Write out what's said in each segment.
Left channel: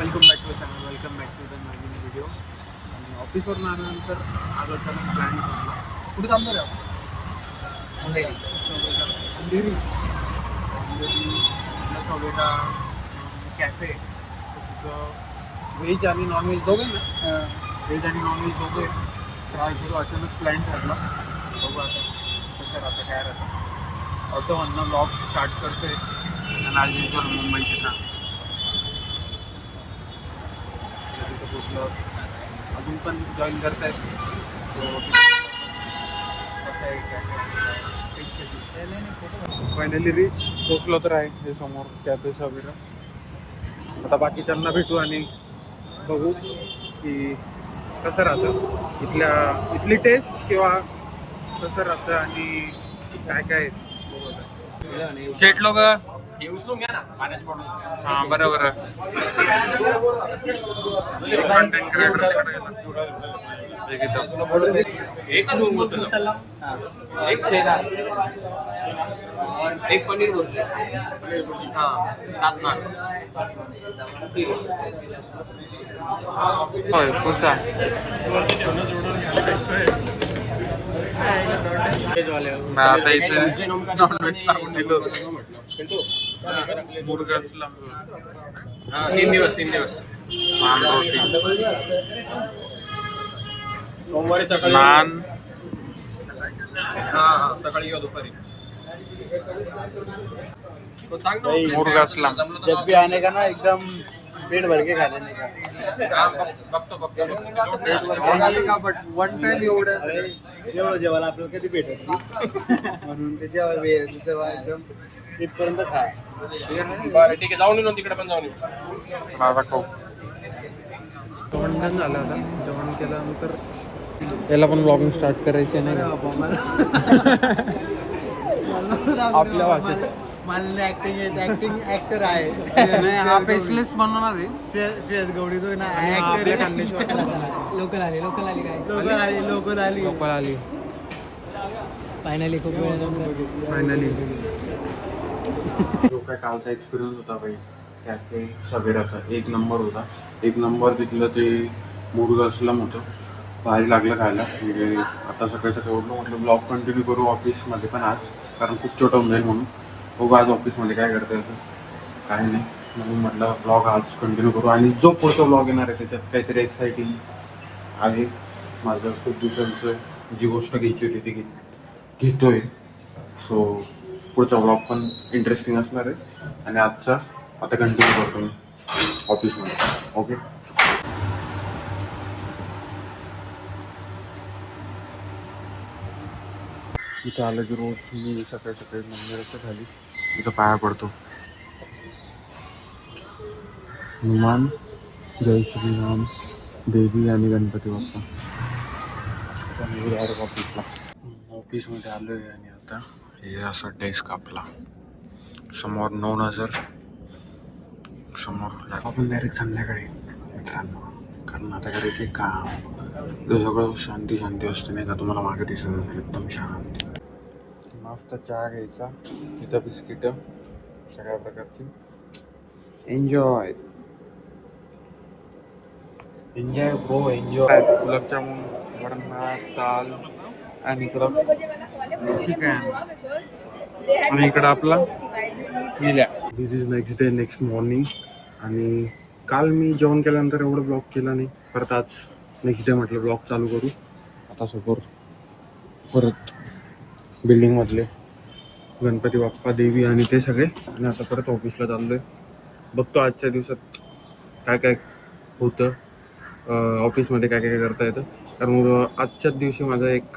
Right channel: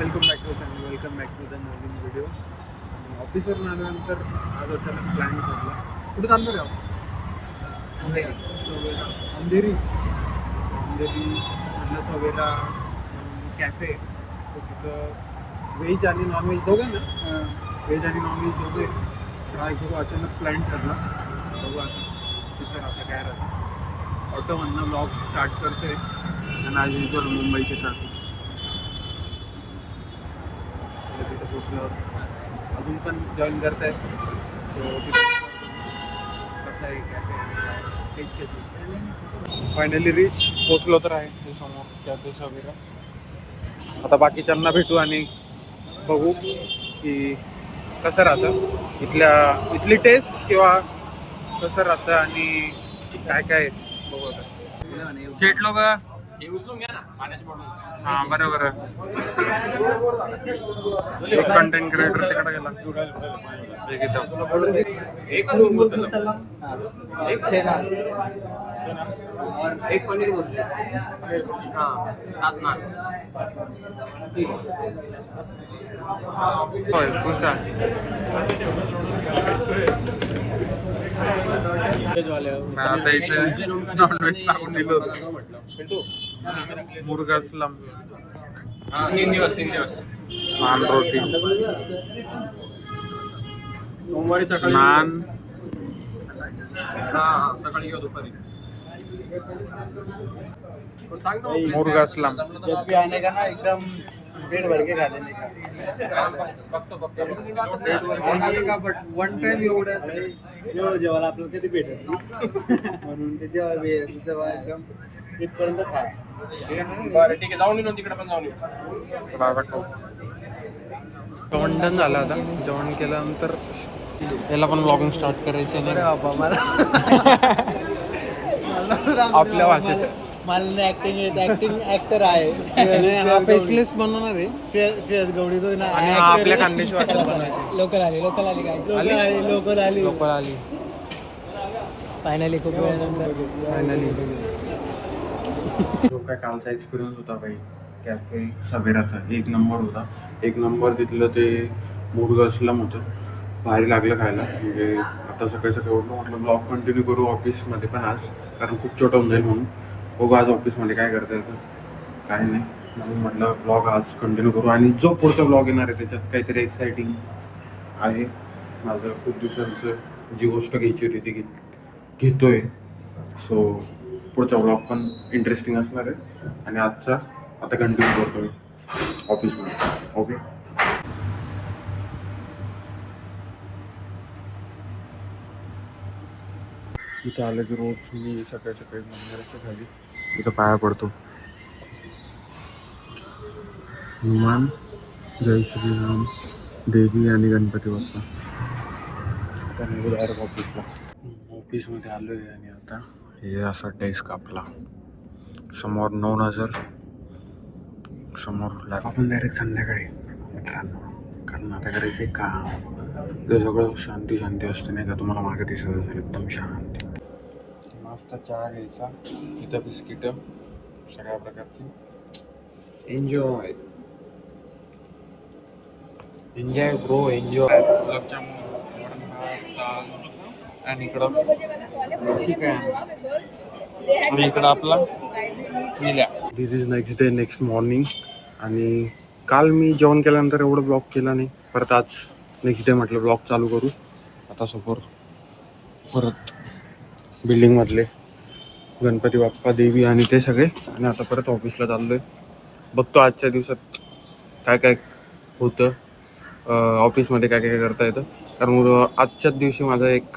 Welcome back to channel, welcome back to the नवीन video. ऑफिसवरून आल्यानंतर आज अचानक प्लॅन ठरला. कुठे चाललं का सवेरा अंधेरी म्हटलं सवेरा कॅफे. तर तिथं व्हेज आणि नॉनव्हेज दोघं ना, व्हेज आणि नॉनव्हेज दोघं काय करू, अचानक प्लॅन ठरला. बघू आता कसं राहतं काय राहतं. ऑटोमधनं ब्लॉग स्टार्ट करतोय आणि आज युजल मुंबईचे ट्रॅफिक. तिथं पोचल्यावर अजून पण जॉईन करत आहे. कसं आहे कॅफे. फायनली रिच पोचलो तर आहे हे समोर कॅफे सवेरा. आता बाकीच्यांना भेटू आणि बघू की कसं राहतं इथली टेस्ट किंवा कसं राहतं आणि काय काय बघू. आता सेट लोक हे उचलून घ्या ना पाण्याची बॉटल. हां बरोबर. कंटेंट क्रिएटर तिकडे गेला. एक इथं एक मुसलम, एक छेना और एक पनीर बुर्जी. हाँ 7 नान. ठीक है. होय कुसा मैं आता इथे नॉनव्हेज टाकून दिलं मुरगासलम. हाँ 3 दिवस नान रोटी सोमवारी सकाळी नान हाँ सकाळी किंवा दुपारी. पण सांग ना मुरगासलम. जब भी आने का ना एकदम पेट भर के खा लेने का. बघतो बट वन टाइम एवढं एवढं जेवायला आपल्याला कधी भेटत नाही. म्हणून ते तेव्हा एकदम इथपर्यंत खा. बरं ठीक आहे, जाऊन येऊ ना तिकडे पण जाऊन येऊ. माझा खाऊ. जेवण डन झालं. आता जेवण केल्यानंतर याला पण ब्लॉगिंग स्टार्ट करायचे नाही आपल्या भाषेत. मला ऍक्टिंग ऍक्टिंग ऍक्टर आहे. हा फेसलेस बनवणार आहे श्रेयस गौडी तो ना. आणि हा आपल्या खांद्याची वाटत बनवायची. लोकल आली काय लोकल आली फायनली खूप फायनली जो काय कालचा एक्सपिरियन्स होता भाई कॅफे सवेराचा एक नंबर होता. एक नंबर तिथलं ते मुरगासलम होतं. भारी लागलं खायला. म्हणजे आता सकाळी उठलो म्हटलं ब्लॉग कंटिन्यू करू ऑफिसमध्ये पण आज, कारण खूप छोटं होऊन जाईल म्हणून. बघू आज ऑफिसमध्ये काय करता येतं काही नाही म्हणून म्हटलं ब्लॉग आज कंटिन्यू करू. आणि जो पुढचा ब्लॉग येणार आहे त्याच्यात काहीतरी एक्साइटिंग आहे. माझं खूप दिवसांचं जी गोष्ट घ्यायची होती ती घेतोय. सो पुढचा ब्लॉग पण इंटरेस्टिंग असणार आहे. आणि आजचा आता कंटिन्यू करतो मी ऑफिसमध्ये. ओके. इथं आलं की रोज मी सकाळी मंदिराच्या खाली इथं पाया पडतो. हनुमान, जय श्रीराम, देवी आणि गणपती बाप्पा. आता मी डायरेक्ट ऑफिसमध्ये आलो आहे. आणि आता हे असा डेस्क आपला समोर 9,000 समोर लाग आपण डायरेक्ट संध्याकाळी मित्रांनो, कारण आता करायचं एक काम. ते सगळं शांती असते नाही का, तुम्हाला मागे दिसत असेल एकदम शांत. मस्त चहा घ्यायचा, इथं बिस्किटं सगळ्या प्रकारची. Enjoy bro enjoy. गुलाबजामुन, वरण भात, दाल आणि इकडं चिकन आणि इकडं आपला निल्या. This is next day, next morning. आणि काल मी जेवण केल्यानंतर एवढं ब्लॉग केला नाही. परत आज नेक्स्ट डे म्हटलं ब्लॉग चालू करू. आता समोर परत बिल्डिंगमधले गणपती बाप्पा, देवी आणि ते सगळे. आणि आता परत ऑफिसला चाललो आहे. बघतो आजच्या दिवसात काय काय होतं ऑफिसमध्ये, काय काय करता येतं. कारण आजच्याच दिवशी माझा एक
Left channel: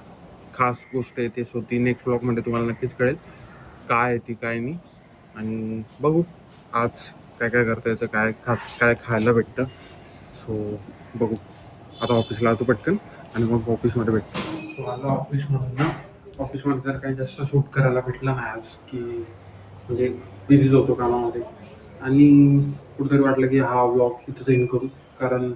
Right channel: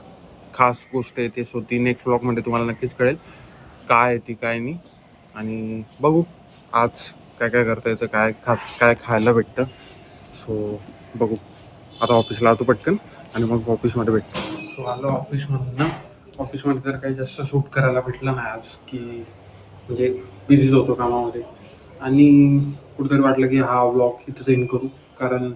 खास गोष्ट आहे ते. सो ती नेक्स्ट ब्लॉगमध्ये तुम्हाला नक्कीच कळेल काय आहे ती काय नाही. आणि बघू आज काय काय करता येतं, काय खास काय खायला भेटतं. सो बघू. आता ऑफिसला आलो पटकन आणि मग ऑफिसमध्ये भेटतो. सो आलो ऑफिसमध्ये तर काही जास्त शूट करायला भेटलं नाही आज, की म्हणजे बिझीच होतो कामामध्ये. आणि कुठेतरी वाटलं की हा व्लॉग इथंच एंड करू, कारण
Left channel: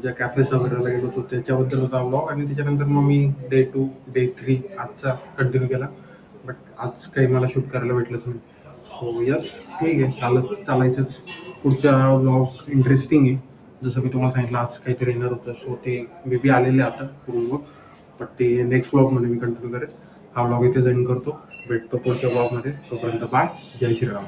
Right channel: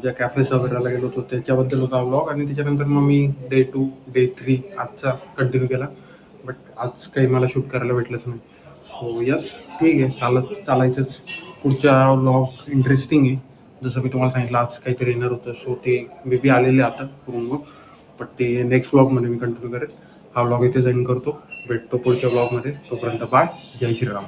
ज्या कॅफेस वगैरेला गेलो होतो त्याच्याबद्दल होता व्लॉग. आणि त्याच्यानंतर मग मी डे 2, डे 3 आजचा कंटिन्यू केला. बट आज काही मला शूट करायला भेटलंच नाही. सो यस ठीक आहे, चालायचंच. पुढचा व्लॉग इंटरेस्टिंग आहे. जसं मी तुम्हाला सांगितलं आज काहीतरी येणार होतं, सो ते मे बी आलेले आता रूमवर, बट ते नेक्स्ट व्लॉगमध्ये मी कंटिन्यू करेन. हा व्लॉग इथे एंड करतो. भेटतो पुढच्या व्लॉगमध्ये. तोपर्यंत बाय. जय श्रीराम.